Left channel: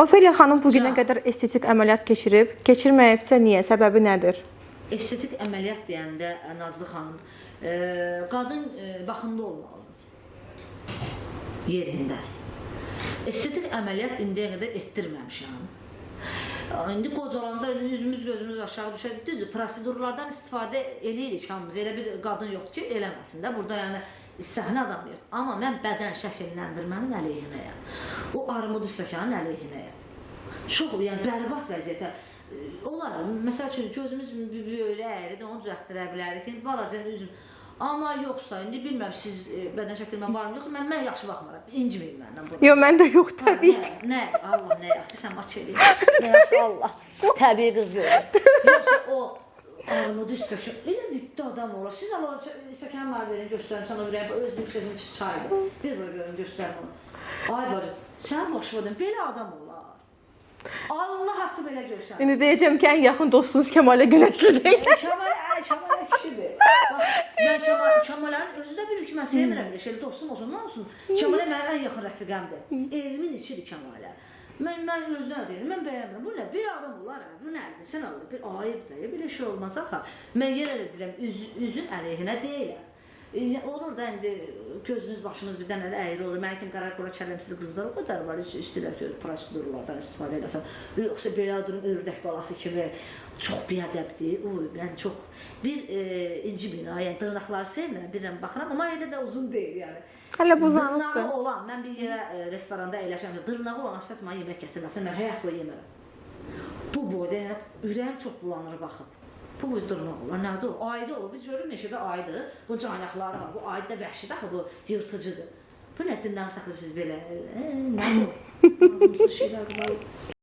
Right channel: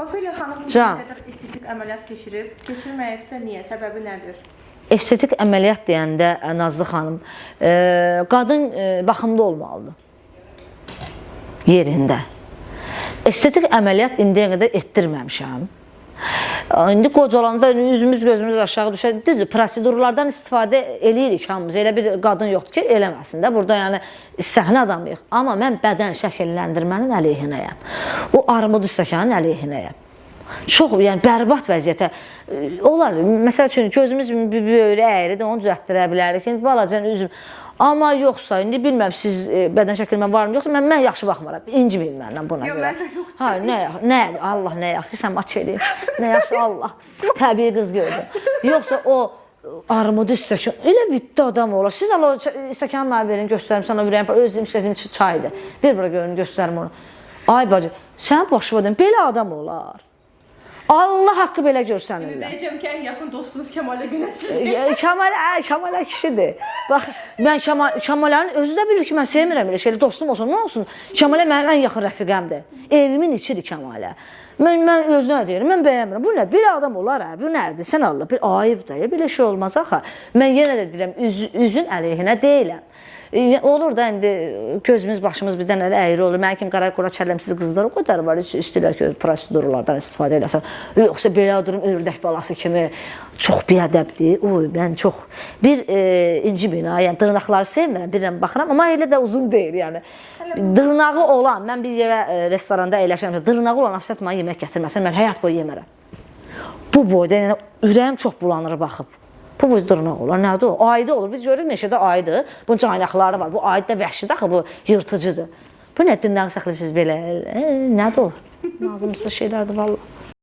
Ofeliya xanım bu günə qədər estetik əməliyyat keçirib, keçirməyibsə niyə, səbəbi nədir? Estetik əməliyyat deyəndə Nazlı xanım, qadın baxımlı olmalıdır yerində. Estetik əməliyyat indiyə qədər etdirməmişəm. İndi qocalanda üzümüz gözümüz aşağı düşər. Düzdür, prosedurlardan istifadə eləyirik hamımız. Elə bir qadın yoxdur ki, eləməsin də. Burada yəni səhnə adamıyıq. Amma mən bədən şəkilləndirmənin əleyhinəyəm. O armud stəkanın əleyhinəyəm. Çox, yəni bərbad vəziyyətə olar. Məsəl üçün gözümüz böyrə əyridir, onu düzəltdirə bilərik. İndi balaca üzüm. Amma yoxsa, indi bilməm siz bədən şəkilmə varmı, yoxsa mən yaxşı baxmaram, inciməyin məndən buna. Yox, məndə yoxdur. Nə, Allah nə yaxşı, sən maç eləyim, nə yaxşı Allah, təbii qız gördüm. Yoxsa o armudu stəkan, elə viddi adam olar. Siz Allah stəkanı mənə verin, göstərim sana ürəyim, özlüyüm işlədiyim çaydır. Bir bura görün, göstərim onu. Ay bacı, sən başıma deyim, belə adam olar. Allah haqqı belə görsən. İndi deyəcəm ki, ən yaxın dostunuz Kəmalə Günəşlidir. Kəmalə kişidir. Bax, mən Kəmalənin özü də bilir ki, mən sevmirəm elə şeylə, dostum olsun, nə olsun. Kəmalə mənim ən yaxın rəfiqəmdir. Evimin içidir Kəmalə. Mən özünə deyirəm, mən bəyənmirəm. Bu nədir? Belə adam olar, bu nədir? Sən Allah, bir ayıb da, belə şey olmaz axı. Mən yenə də deyirəm, üzün əleyhinə deyiləm. Olur da indi gözümüz, başımız birdən elə əyri olur. Mənim kimi qara qora çəlləmsiz qızlar o qədər var, heç istəyirlər ki, prosedurlardan istifadə eləsən. Yoxsa belə durum, ördək balası kimi çox biədəbdir. Mən çox bir incimin, yəni dırnaqları sevmirəm, bilirəm, baxıram, amma elə də uzun deyil, yəni. Dırnağı olan, mən bir yerə restoranda əyləşəm, dırnağı olan afisat mənə yemək gətirməsən, mən həyat boyu yemərəm. Bu boyda, yəni ürəyim çox bulanır baxıb. Bu boyda dırnaq olur, nədir o? Aydı olur, biz görürük meşədə aydı, bunun caynaqları var, bu aydı da vəhşidir axı, bu yırtıcıdır. Bu nə dırnağı saxlayırsınız belə, nədir o? Nazımsız şeylərdir, valla.